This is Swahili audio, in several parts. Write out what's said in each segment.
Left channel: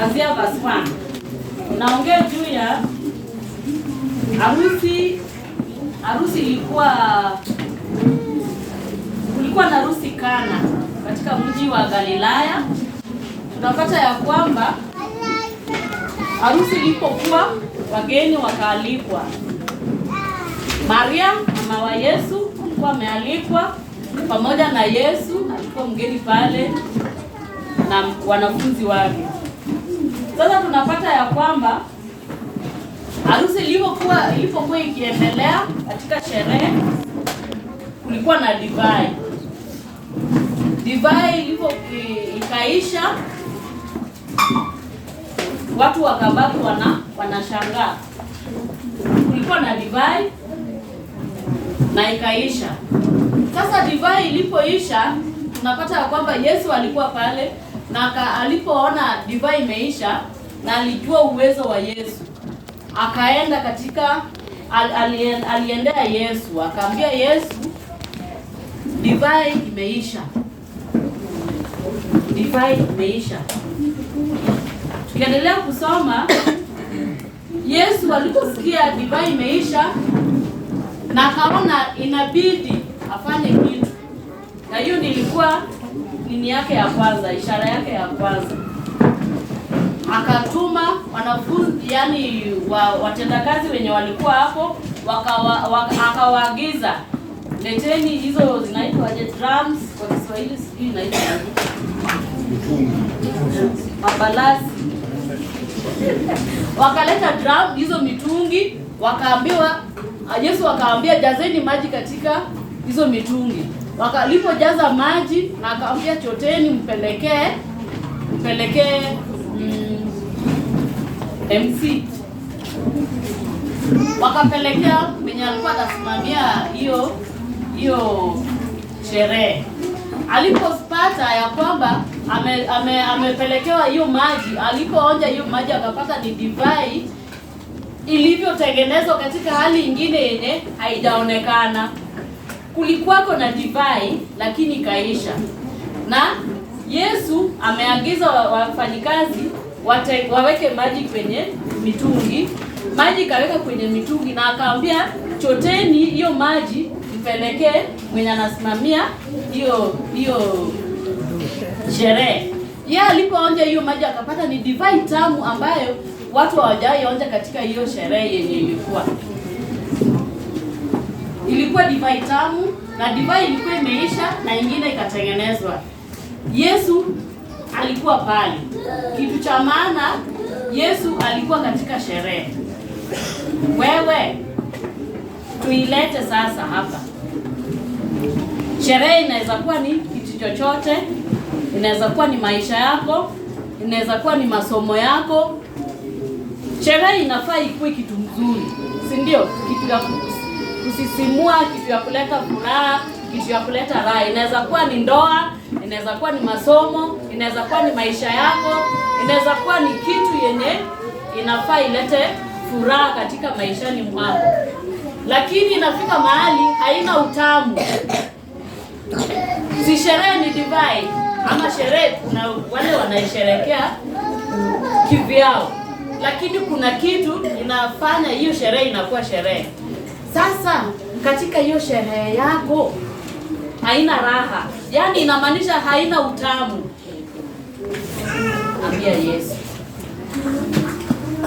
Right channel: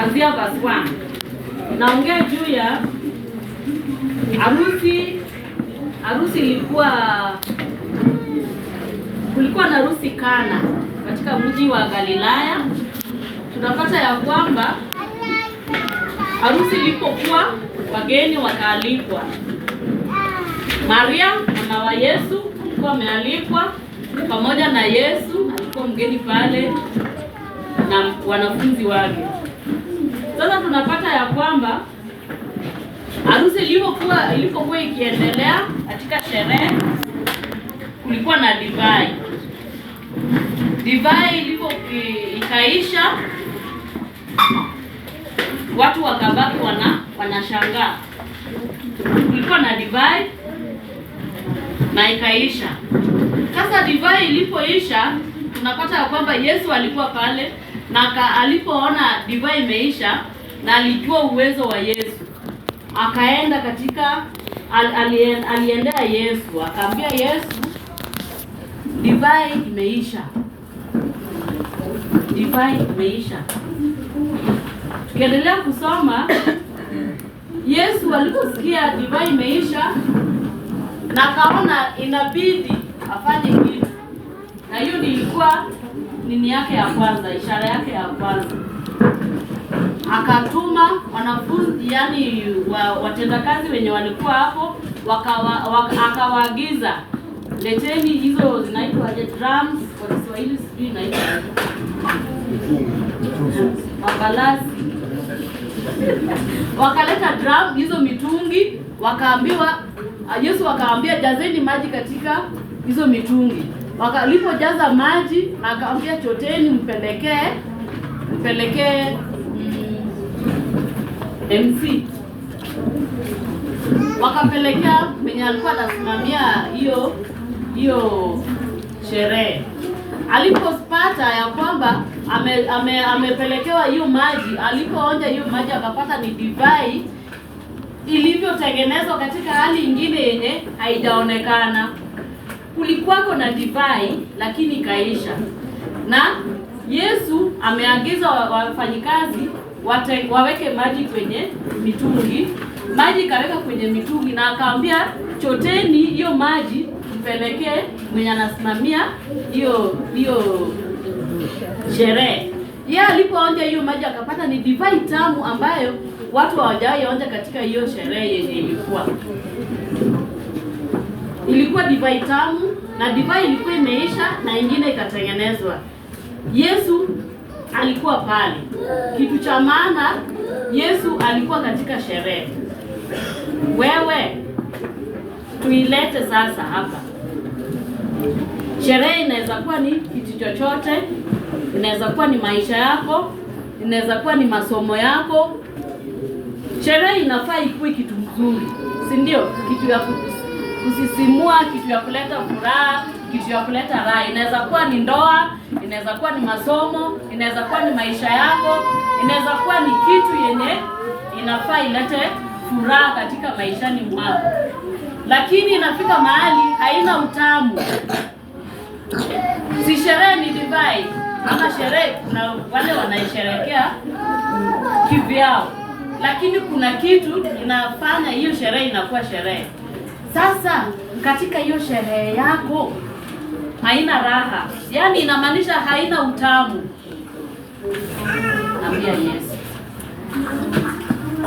kuanzia verse 1. Naongea juu ya harusi. Harusi kulikuwa na harusi Kana katika mji wa Galilaya. Tunapata ya kwamba harusi ilipokuwa, wageni wakaalikwa. Maria mama wa Yesu alikuwa amealikwa pamoja na Yesu, alikuwa mgeni pale na wanafunzi wake. Sasa tunapata ya kwamba harusi ilipokuwa ikiendelea katika sherehe, kulikuwa na divai. Divai ikaisha, watu wakabaki wanashangaa. Kulikuwa na divai na ikaisha. Sasa divai ilipoisha, tunapata ya kwamba Yesu alikuwa pale na alipoona divai imeisha na alijua uwezo wa Yesu, akaenda aliendea Yesu, akaambia Yesu, divai imeisha. Divai imeisha. Tukiendelea kusoma, Yesu aliposikia divai imeisha na akaona inabidi afanye kitu. Na hiyo ilikuwa nini yake ya kwanza, ishara yake ya kwanza. Akatuma wanafunzi, yani watendakazi wenye walikuwa hapo, akawaagiza, leteni hizo zinaitwa drums kwa Kiswahili, sijui inaitwa mabalasi. Wakaleta drum, hizo mitungi, Yesu akaambia jazeni maji katika hizo mitungi. Walipojaza maji na akaambia choteni mpelekee MC. Wakapelekea mwenye alikuwa anasimamia hiyo sherehe. Alipopata ya kwamba amepelekewa hiyo maji, alipoonja hiyo maji akapata ni divai ilivyotengenezwa katika hali nyingine yenye haijaonekana. Kulikuwako na divai lakini kaisha. Na Yesu ameagiza wafanyikazi waweke maji kwenye mitungi. Maji kaweka kwenye mitungi na akaambia choteni hiyo maji mpelekee mwenye anasimamia hiyo sherehe. Yeye alipoonja hiyo maji akapata ni divai tamu ambayo watu hawajawahi onja katika hiyo sherehe yenye ilikuwa divai tamu, na divai ilikuwa imeisha na ingine ikatengenezwa. Yesu alikuwa pale. Kitu cha maana, Yesu alikuwa katika sherehe. Wewe tuilete sasa hapa. Sherehe inaweza kuwa ni kitu chochote, inaweza kuwa ni maisha yako, inaweza kuwa ni masomo yako. Sherehe inafaa ikuwe kitu mzuri, si ndio? Kitu ya kusisimua, kitu ya kuleta furaha, kitu ya kuleta raha. Inaweza kuwa ni ndoa, inaweza kuwa ni masomo, inaweza kuwa ni maisha yako, inaweza kuwa ni kitu yenye inafaa ilete furaha katika maishani mwako. Lakini inafika mahali haina utamu. Si sherehe ni divai, ama sherehe na wale wanaisherekea kivyao. Lakini kuna kitu inafanya hiyo sherehe inakuwa sherehe. Sasa katika hiyo sherehe yako haina raha, yani inamaanisha haina utamu.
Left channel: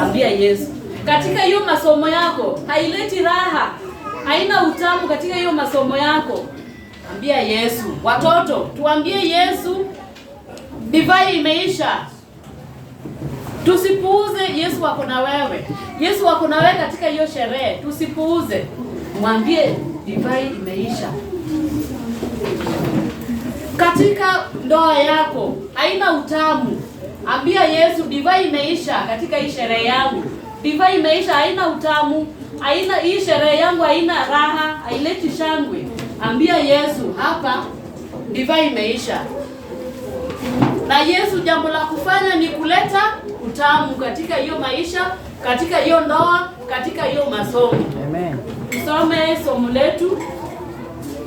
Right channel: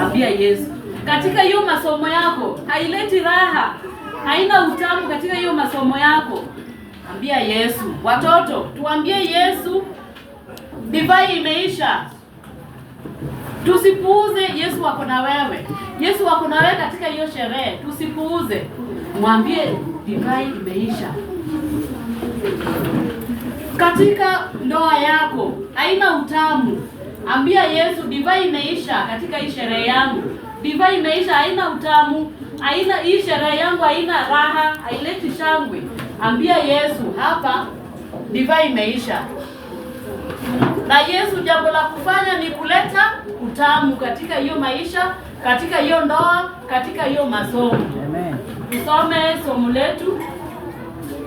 Ambia Yesu. Katika hiyo masomo yako haileti raha, haina utamu katika hiyo masomo yako. Ambia Yesu. Watoto, tuambie Yesu, divai imeisha. Tusipuuze, Yesu wako na wewe. Yesu wako na wewe katika hiyo sherehe. Tusipuuze. Mwambie divai imeisha. Katika ndoa yako haina utamu. Ambia Yesu, divai imeisha katika hii sherehe yangu. Divai imeisha, haina utamu. Hii sherehe yangu haina raha, haileti shangwe. Ambia Yesu, hapa divai imeisha. Na Yesu jambo la kufanya ni kuleta utamu katika hiyo maisha, katika hiyo ndoa, katika hiyo masomo. Amen. Tusome somo letu.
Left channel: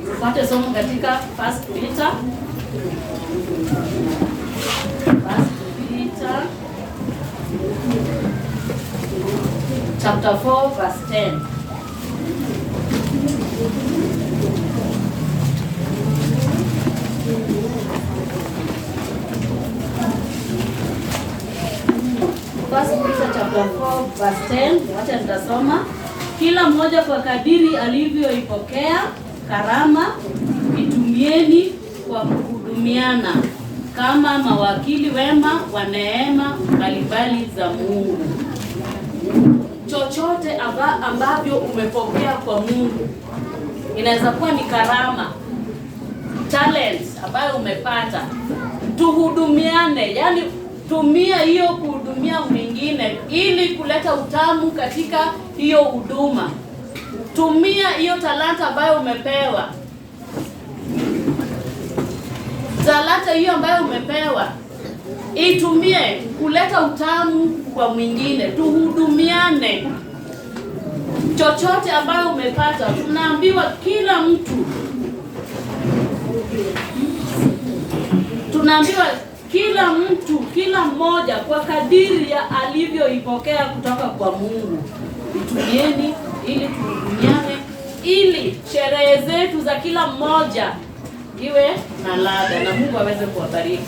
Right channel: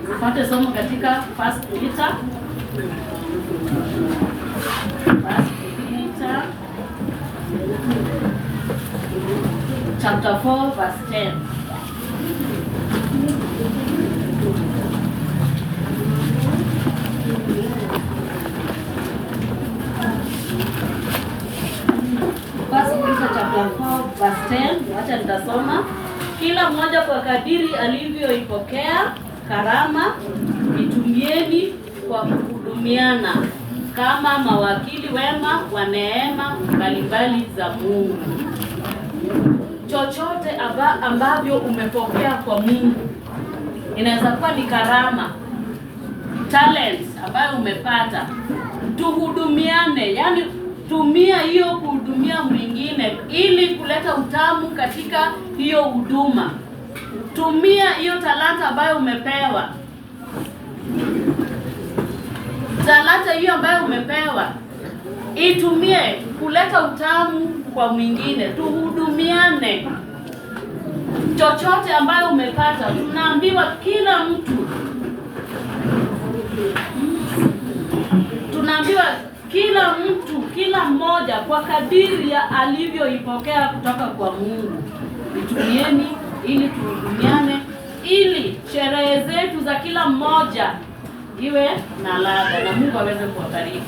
Tupate somo katika 1 Peter chapter 4 verse 10. First Peter chapter 4 verse 10, wacha nitasoma. Kila mmoja kwa kadiri alivyoipokea karama, itumieni kwa kuhudumiana kama mawakili wema wa neema mbalimbali za Mungu. Chochote ambavyo umepokea kwa Mungu, inaweza kuwa ni karama, talents ambayo umepata, tuhudumiane. Yani tumia hiyo kuhudumia mwingine ili kuleta utamu katika hiyo huduma. Tumia hiyo talanta ambayo umepewa, talanta hiyo ambayo umepewa, itumie kuleta utamu kwa mwingine. Tuhudumiane. Chochote ambayo umepata, tunaambiwa kila mtu, kila mmoja kwa kadiri ya alivyoipokea kutoka kwa Mungu. Itumieni ili tuhudumiane, ili sherehe zetu za kila mmoja iwe na ladha, na Mungu aweze kuwabariki.